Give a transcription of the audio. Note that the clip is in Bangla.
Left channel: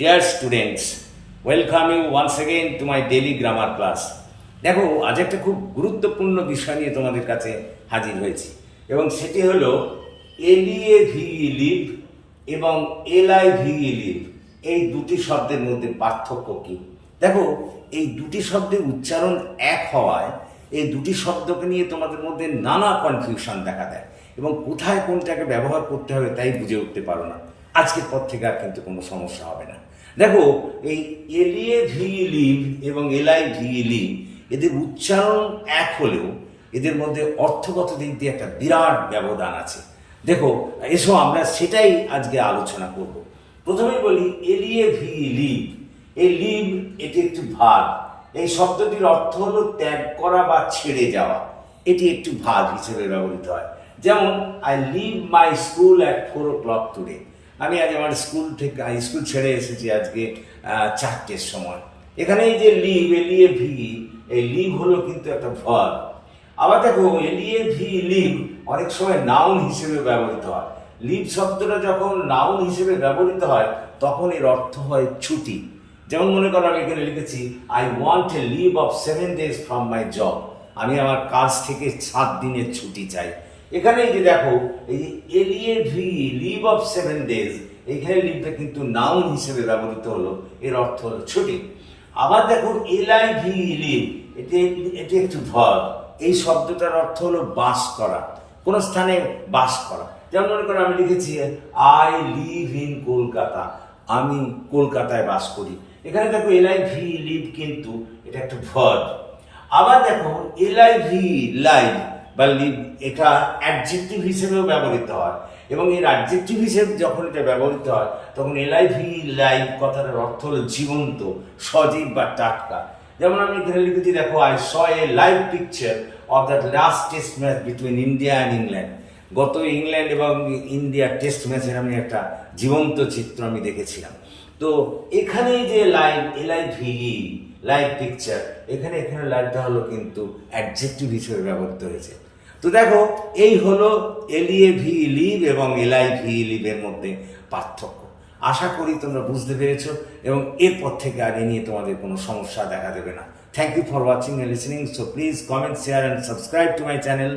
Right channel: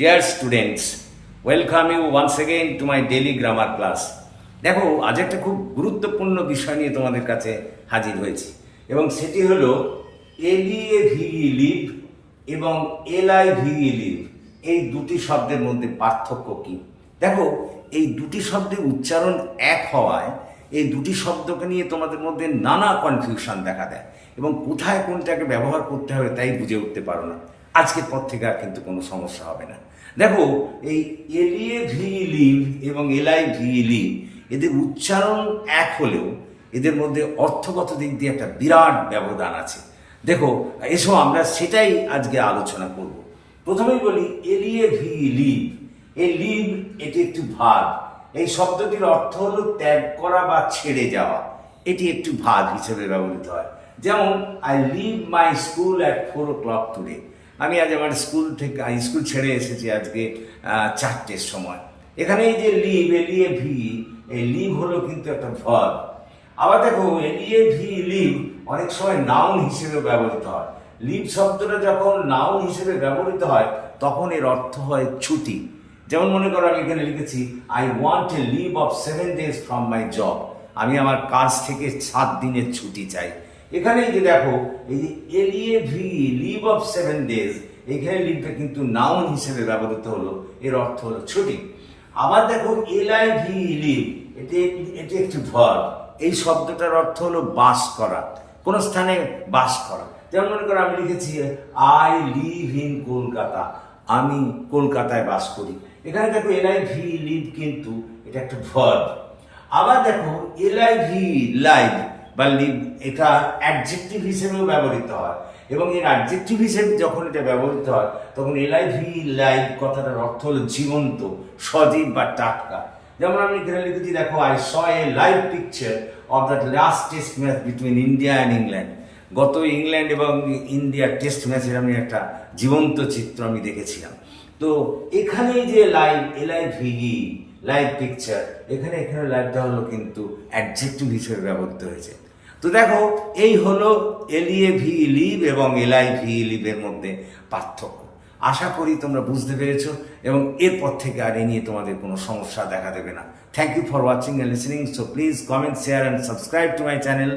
Dear students, welcome you once again to my daily grammar class. দেখো আজ একটা খুব গুরুত্বপূর্ণ বিষয় নিয়ে তোমাদের কাছে হাজির হয়েছি এবং সেটি হলো এলইএভিই লিভ এবং এলআইভিই লিভ এই দুটি শব্দের মধ্যে পার্থক্য কী। দেখো এই দুটি শব্দের উচ্চারণ এক হওয়ায় এই দুটি শব্দকে নিয়ে তোমাদের মধ্যে নানা কনফিউশন দেখা দেয় এবং কোথায় কোনটাকে ব্যবহার করতে হবে তাই বুঝে উঠতে পারো না। আজকের পর থেকে আর কিন্তু কোনো সমস্যা হবে না। দেখো এই এলইএভিই লিভ এবং এলআইভিই লিভ এদের উচ্চারণ এক হলেও এদের মধ্যে অর্থগত দিক দিয়ে একটা বিরাট ব্যবধান আছে। দেখো এসো আমরা সেটাই আজকে আলোচনা করব। প্রথমেই বলি এলইএভিই লিভ। এই লিভ এটি একটি ভার্ব। এই শব্দটির অর্থ হলো ত্যাগ করা বা ছেড়ে যাওয়া। এটি একটি ভার্ব হিসেবে ব্যবহৃত হয়। যেমন I leave my school at 4 o'clock today. আমি আজ আমার স্কুল ছেড়ে এসেছি আজকে 4টের সময়। এখানে এই যে লিভ এলইএভিই, এই লিভ হলো কিন্তু একটা ভার্ব। আবার দেখো এলইএভিই লিভ অনেক সময় নাউন হিসেবেও ব্যবহৃত হয়। লিভ শব্দটা যখন নাউন হিসেবে ব্যবহৃত হয় তখন এর অর্থ হয় ছুটি। যেমন মনে করো আমি এখানে লিখেছি I want a leave of 7 days from my job. আমি আমার কাজ থেকে 7 দিনের ছুটি চাই। এখানে এই যে দেখো এই যে এলইএভিই লিভ অফ 7 days, এইখানে লিভটা কিন্তু নাউন হিসেবে ব্যবহৃত হলো, এর অর্থ হলো ছুটি। আবার দেখো এলআইভিই লিভ, এটি একটি ভার্ব। এই শব্দটার অর্থ হলো বাস করা, কোনো স্থানে বাস করা। যেমন মনে করো আমি লিখেছি আই লিভ ইন কলকাতা, আমি কলকাতায় বাস করি। এখানে দেখো এলআইভিই লিভ কিন্তু এটা একটা ভার্ব। আবার দেখো এলআইভিই লাইভ বা লিভ, এটা অ্যাডজেক্টিভ হিসেবেও ব্যবহৃত হয় এবং এর অ্যাডজেক্টিভ হিসেবে যখন এটা ব্যবহৃত হয় তখন এলআইভিই লাইভ কথাটার অর্থ হলো জীবন্ত, সজীব বা টাটকা। যেমন আমি এখানে লিখেছি দেখো I saw A live picture of that last test match between India and England. গত ইংল্যান্ড এবং ইন্ডিয়ার টেস্ট ম্যাচের আমি একটা জীবন্ত চিত্র আমি দেখেছিলাম। তো এখানে যে লাইভ এলআইভিই লাইভ পিকচার, এখানে লাইভটা হলো কিন্তু অ্যাডজেক্টিভ হিসেবে ব্যবহৃত হয়েছে। তো দেখো এই হলো এলইএভিই লিভ এবং এলআইভিই লিভের মধ্যে পার্থক্য। আশা করি তোমরা বুঝতে পেরেছো এবং এরপর থেকে আর এ নিয়ে তোমাদের কোনো সমস্যা দেখা দেবে না। Thank you for watching and listening. So please comment, share and subscribe to my channel.